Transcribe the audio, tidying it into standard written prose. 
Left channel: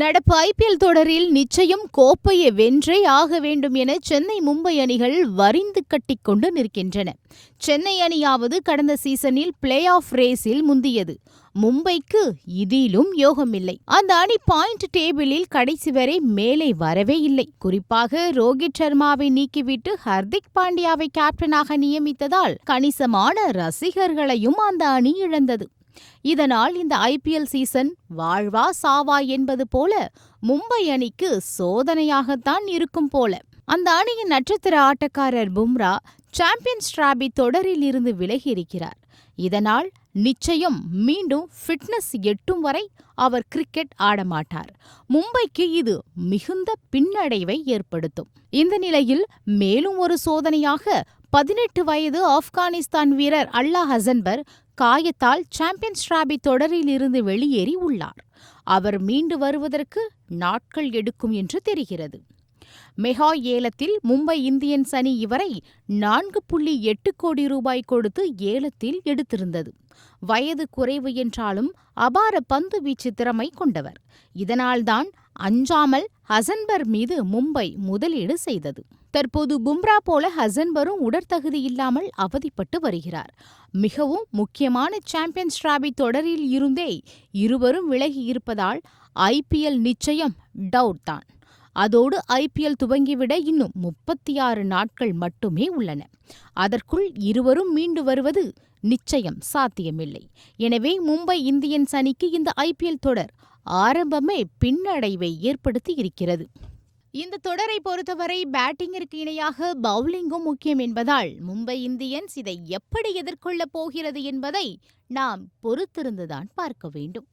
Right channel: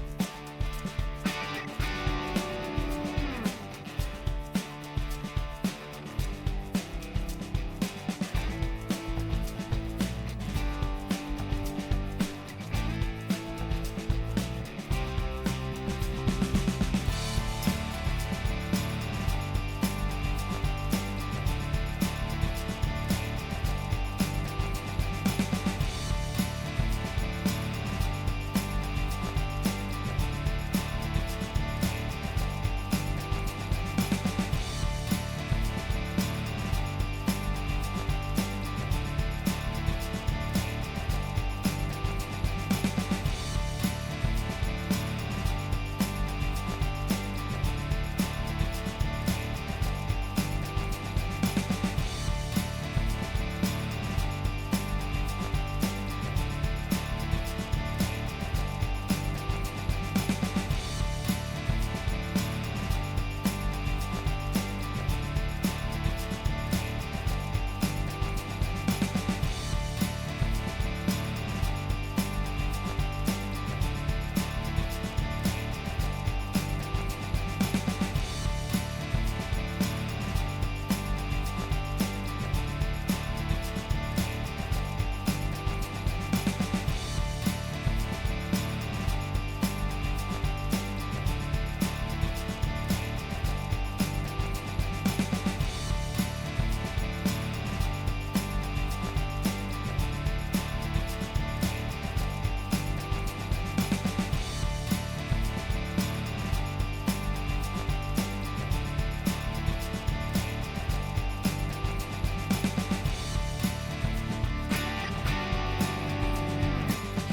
நடப்பு ஐபிஎல் தொடரில் நிச்சயம் கோப்பையை வென்றே ஆக வேண்டும் என சென்னை மும்பை அணிகள் வரிந்து கட்டிக்கொண்டு நிற்கின்றன. சென்னை அணியாவது கடந்த சீசனில் பிளே ஆஃப் ரேஸில் முந்தியது. மும்பைக்கு இதிலும் யோகமில்லை. அந்த அணி பாயிண்ட் டேபிளில் கடைசி வரை மேலே வரவே இல்லை. குறிப்பாக ரோஹித் சர்மாவை நீக்கிவிட்டு ஹர்திக் பாண்டியாவை கேப்டனாக நியமித்ததால் கணிசமான ரசிகர்களையும் அந்த அணி இழந்தது. இதனால் இந்த ஐபிஎல் சீசன் வாழ்வா சாவா என்பது போல மும்பை அணிக்கு சோதனையாகத்தான் இருக்கும் போல. அந்த அணியின் நட்சத்திர ஆட்டக்காரர் பும்ரா சாம்பியன்ஸ் டிராபி தொடரில் இருந்து விலகி இருக்கிறார். இதனால் நிச்சயம் மீண்டும் ஃபிட்னஸ் எட்டும் வரை அவர் கிரிக்கெட் ஆடமாட்டார். மும்பைக்கு இது மிகுந்த பின்னடைவை ஏற்படுத்தும். இந்த நிலையில் மேலும் ஒரு சோதனையாக 18 வயது ஆப்கானிஸ்தான் வீரர் அல்லா ஹசன்பர் காயத்தால் சாம்பியன்ஸ் டிராபி தொடரில் இருந்து வெளியேறி உள்ளார். அவர் மீண்டு வருவதற்கு நாட்கள் எடுக்கும் என்று தெரிகிறது. மெகா ஏலத்தில் மும்பை இந்தியன்ஸ் அணி இவரை 4.8 கோடி ரூபாய் கொடுத்து ஏலத்தில் எடுத்திருந்தது. வயது குறைவு என்றாலும் அபார பந்து வீச்சு திறமை கொண்டவர். இதனால்தான் அஞ்சாமல் ஹசன்பர் மீது மும்பை முதலீடு செய்தது. தற்போது பும்ரா போல ஹசன்பரும் உடற்தகுதி இல்லாமல் அவதிப்பட்டு வருகிறார். மிகவும் முக்கியமான சாம்பியன்ஸ் டிராபி தொடரில் இருந்தே இருவரும் விலகி இருப்பதால் ஐபிஎல் நிச்சயம் டவுட் தான். அதோடு ஐபிஎல் துவங்கிவிட இன்னும் 36 நாட்கள் மட்டுமே உள்ளன. அதற்குள் இருவரும் மீண்டு வருவது நிச்சயம் சாத்தியமில்லை. எனவே மும்பை இந்தியன்ஸ் அணிக்கு இந்த ஐபிஎல் தொடர் ஆரம்பமே பின்னடைவை ஏற்படுத்தி இருக்கிறது. இந்த தொடரை பொறுத்தவரை பேட்டிங்கிற்கு இணையாக பவுலிங்கும் முக்கியம் என்பதால் மும்பை இந்தியன்ஸ் இதை எப்படி எதிர்கொள்ளப் போகிறது என்பதை நாம் பொறுத்திருந்துதான் பார்க்க வேண்டும்.